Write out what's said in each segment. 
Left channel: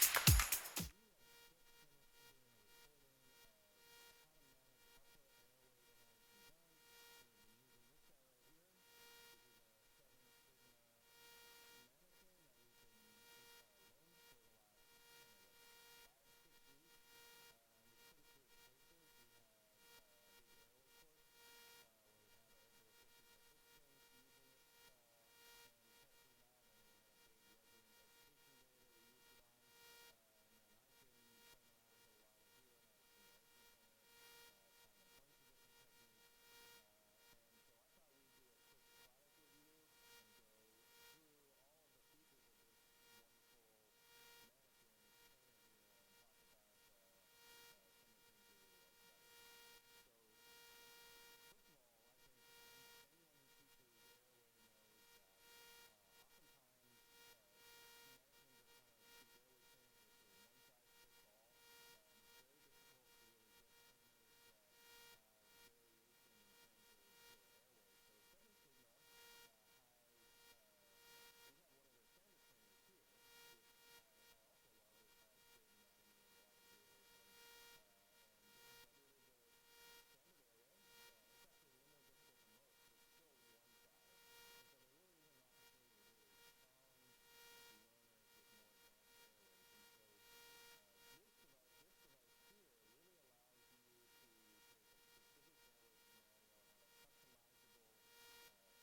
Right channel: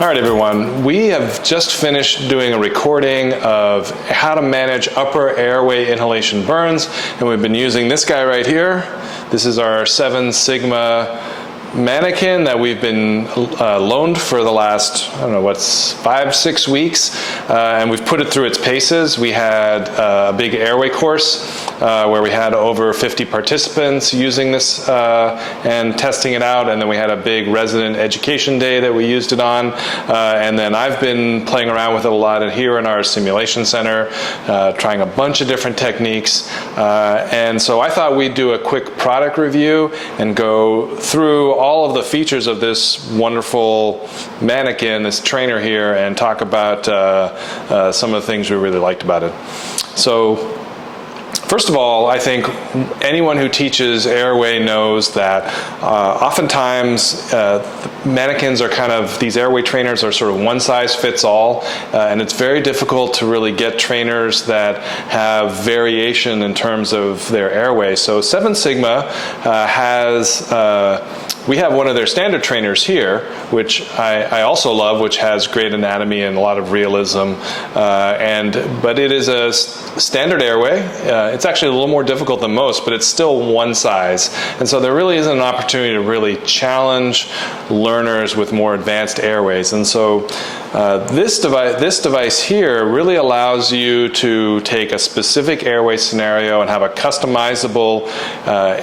All right, everyone. We have just finished doing a recording of how to manage upper airway inhalation burns, and we've been using this guy right here. This is our 7 Sigma mannequin that we've been loaned for the last, I don't know, 5-6 weeks, and we've put it through its paces. We had a big airway course where we had over 50 participants using this and testing it out, and then we had a big resident education day that we used it on, and then I've been playing around with it a lot here in our simulation center, trying a bunch of different techniques, and so I thought we'd do a quick product review and go through all of the features of this wonderful mannequin, this trainer here, and talk about some of the things we really liked about it. So, first of all, I think anyone who teaches airway knows that oftentimes mannequins are kind of, these airway trainers are sort of one size fits all, and it's very difficult to really get trainers that have variation in terms of their airway. So 7 Sigma has we have one of their standard trainers here, which I also love, which has great anatomy and a lot of realism. But it is a standard airway. It's actually a little more difficult than most, but it's still one size. And so there really isn't an opportunity to really challenge learners with more advanced airways. And so this device here really allows you to take a specific airway scenario and have a customizable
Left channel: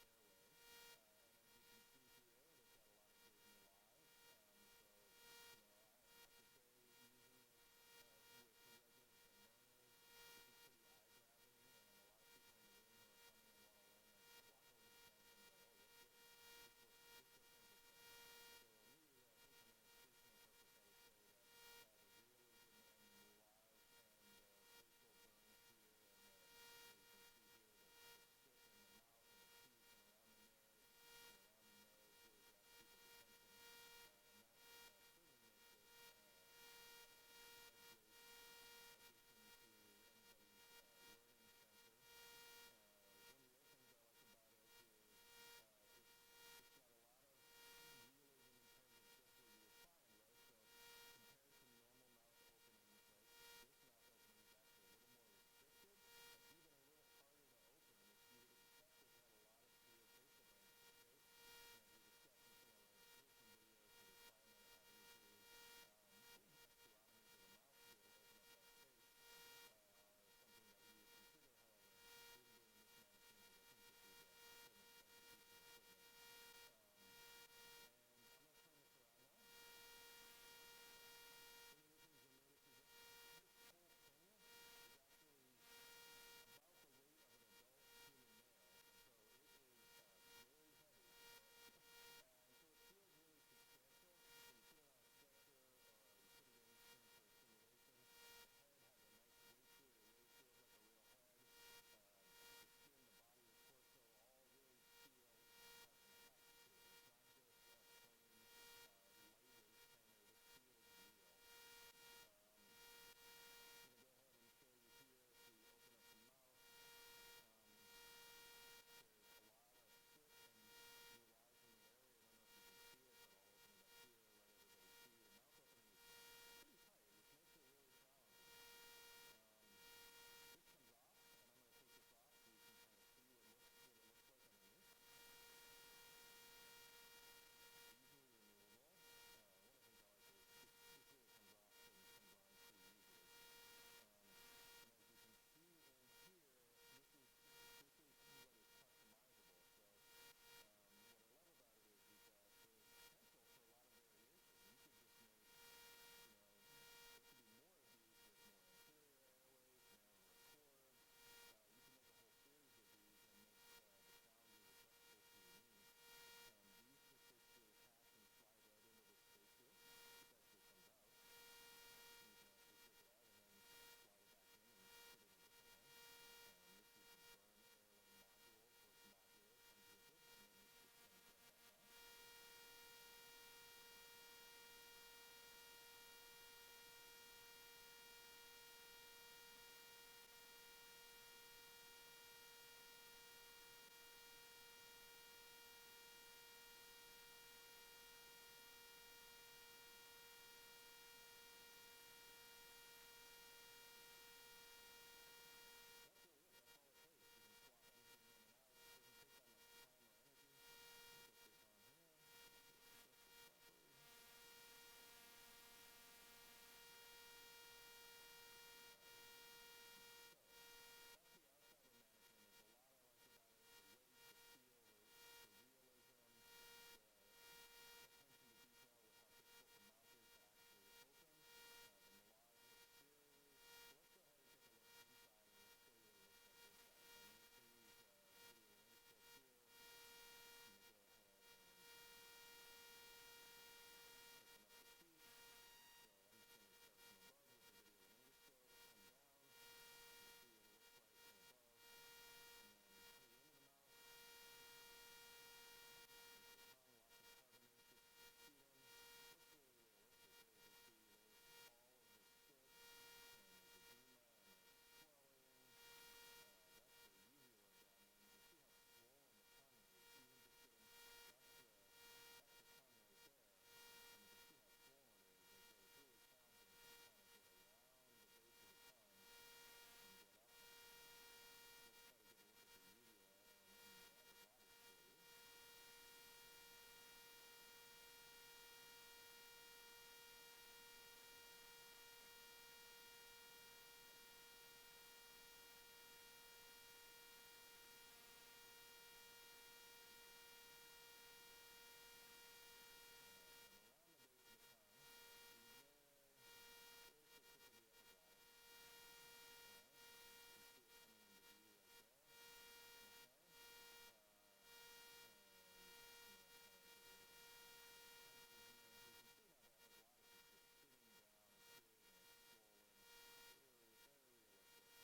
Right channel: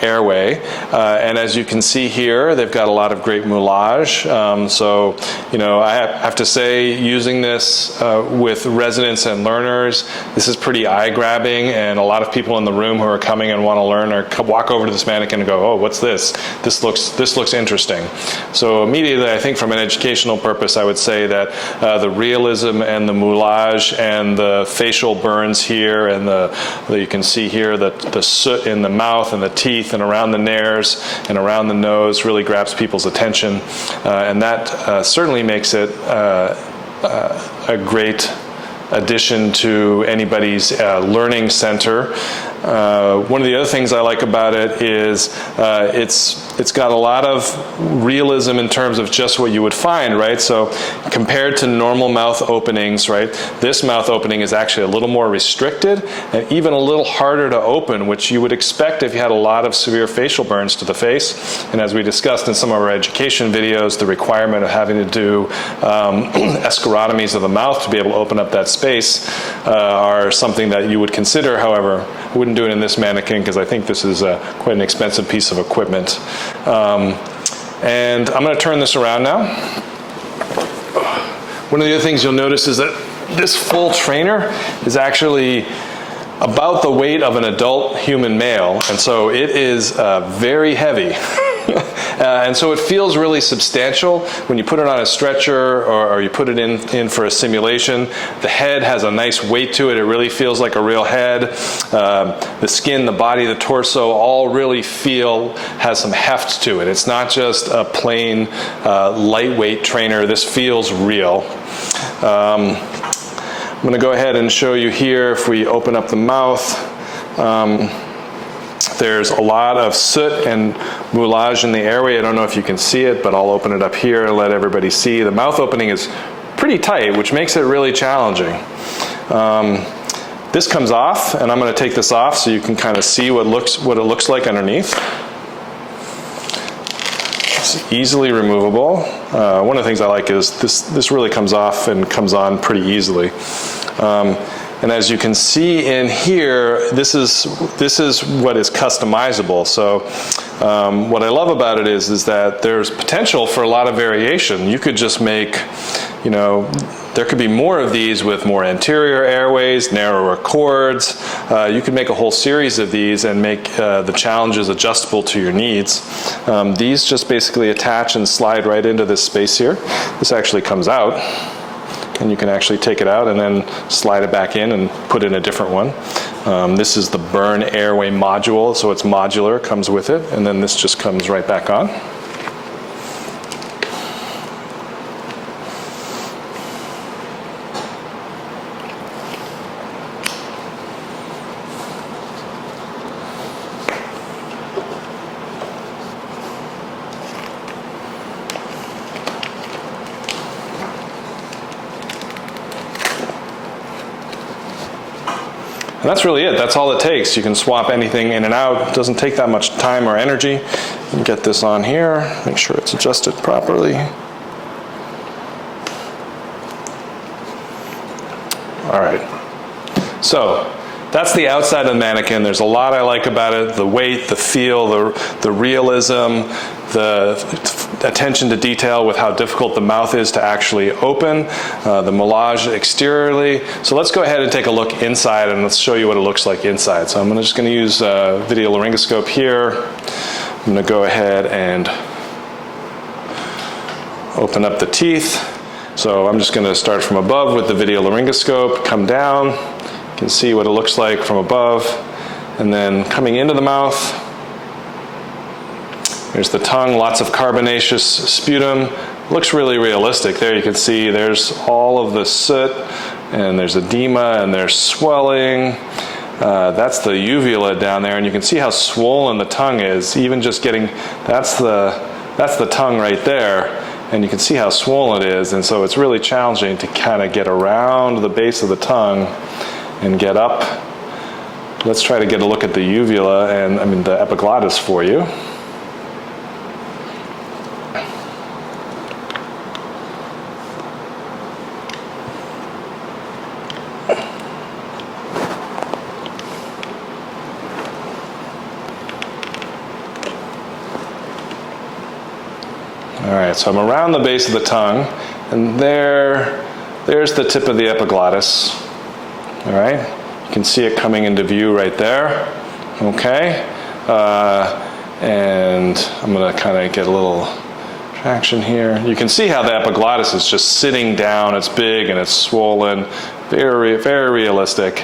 airway. And as you can see here, they've got a lot of great moulage. So, you know, I have to say, using this with residents and learners, this is pretty eye-grabbing, and a lot of people in the room who are coming and want to learn or walk over to this mannequin and go, "Oh, what's this? This looks interesting." So immediately, I think from an educational purpose, I would say that the realism and the moulage and the facial burns here, and you can see here that the soot in the mouth and the teeth and around the nares and around the nose really grabs people's attention, and that certainly makes it a great addition to anybody's learning center. One of the other things I like about it is it's got a lot of realism in terms of just what you would find, right? So compared to normal mouth openings, right, this mouth opening is actually a little more restricted and even a little harder to open, which you would expect if you had a lot of severe facial burns to the face. And as we discussed in some of our education videos, the requirement of having to do escharotomies of the mouth to be able to open up that space are something that you would consider. However, I wouldn't do it in this mannequin because I think this is quite an expensive piece of equipment. And I'm going to turn this around now. One of the other things you'll notice is that this full trainer is actually about the weight of an adult human male, and so it is very heavy. And so it feels really substantial when you put it on a stretcher or you put it in for a simulation. The head has a nice weight to it. It really feels like a real head. The skin, the body, the torso all really has some heft to it. It's not just a plain lightweight trainer. This feels real. I'm going to go ahead and show you here if we open up the mouth. There's a lot of soot and moulage in the airway. I don't know if you can see it, but I'll open it up here and let everybody see. The mouth opening is pretty tight, which makes it really challenging. This comes off, and I'm going to take this off so you can kind of see what it looks like underneath. It's easily removable. One of the things I like is this really comes off and comes on pretty easily. And as you can see in here, this is what is customizable. So what I love about it is that there's potential for a lot of variation. You could just make, you know, there could be more of these with more anterior airways, narrower chords. You could make a whole series of these and make the challenges adjustable to your needs. These just basically attach and slide right into this space here. This actually comes out, and you can actually take it out and then slide it back in and put in a different one. This is the burn airway module, so it's modular, comes with it, and then this just comes right back on. And that's really it. That's all it takes. You can swap anything in and out. It doesn't take that much time or energy. And get this on here, make sure it's adjusted properly. All right. So that's the outside of the mannequin. There's a lot I like about it: the weight, the feel, the realism, the attention to detail with how difficult the mouth is to actually open, the moulage exteriorly. So let's go ahead and take a look inside, and let's show you what it looks like inside. So I'm just going to use a video laryngoscope here. I'm going to go ahead and open up the teeth. So I'm just going to start from above with the video laryngoscope, come down. You can see what it looks like from above, and then coming into the mouth, there's the tongue, lots of carbonaceous sputum. Looks really realistic. There you can see there's all of the soot, and there's edema, and there's swelling. That's the uvula down there, and you can see how swollen the tongue is. Even just getting, that's the tongue right there, and you can see how swollen it is, and so it's really challenging to kind of get around the base of the tongue and get up. Let's try to get a look at the uvula and the epiglottis for you. All right, so I'm around the base of the tongue, and there's the tip of the epiglottis. All right, you can see it coming into view right there. Okay, and I'm going to kind of get a little traction here. You can see how the epiglottis is just sitting down. It's big and it's swollen, very, very realistic.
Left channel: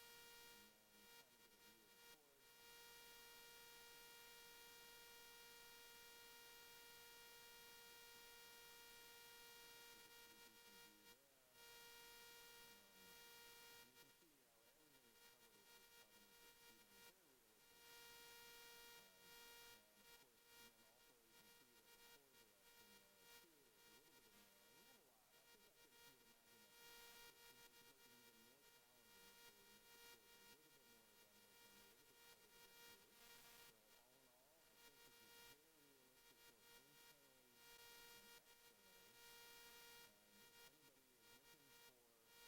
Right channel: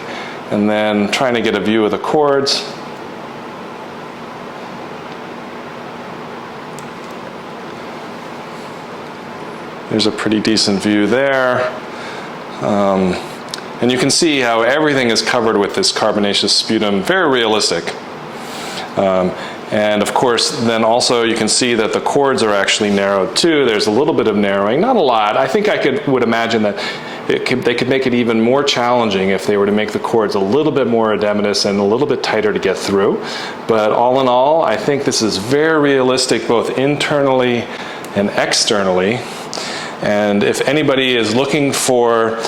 And then trying to get a view of the cords. There's a pretty decent view there. And you can see how everything is covered with this carbonaceous sputum, very realistic. And of course, then also you can see that the cords are actually narrowed too. There's a little bit of narrowing, not a lot. I think I would imagine that they could make it even more challenging if they were to make the cords a little bit more edematous and a little bit tighter to get through. But all in all, I think this is very realistic both internally and externally. And if anybody is looking for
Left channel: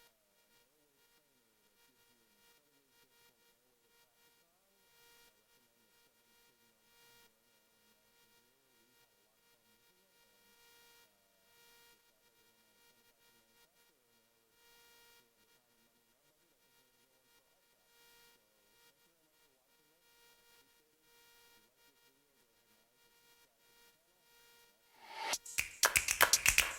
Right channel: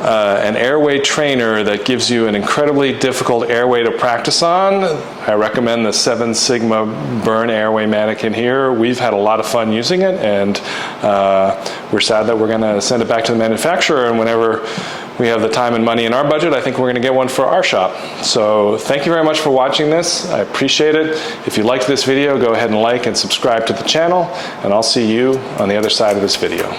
an airway trainer that gives you an incredibly difficult airway to practice on, I recommend the 7 Sigma Burn Airway mannequin here. We've had a lot of fun using it, and we're sad that we're going to send it back to the manufacturer, and whenever we have the time and money in our budget, I think we're going to get one for our shop. So thank you very much for watching this. I appreciate it. If you liked this video, go ahead and like and subscribe to the channel, and I'll see you on the other side of this video.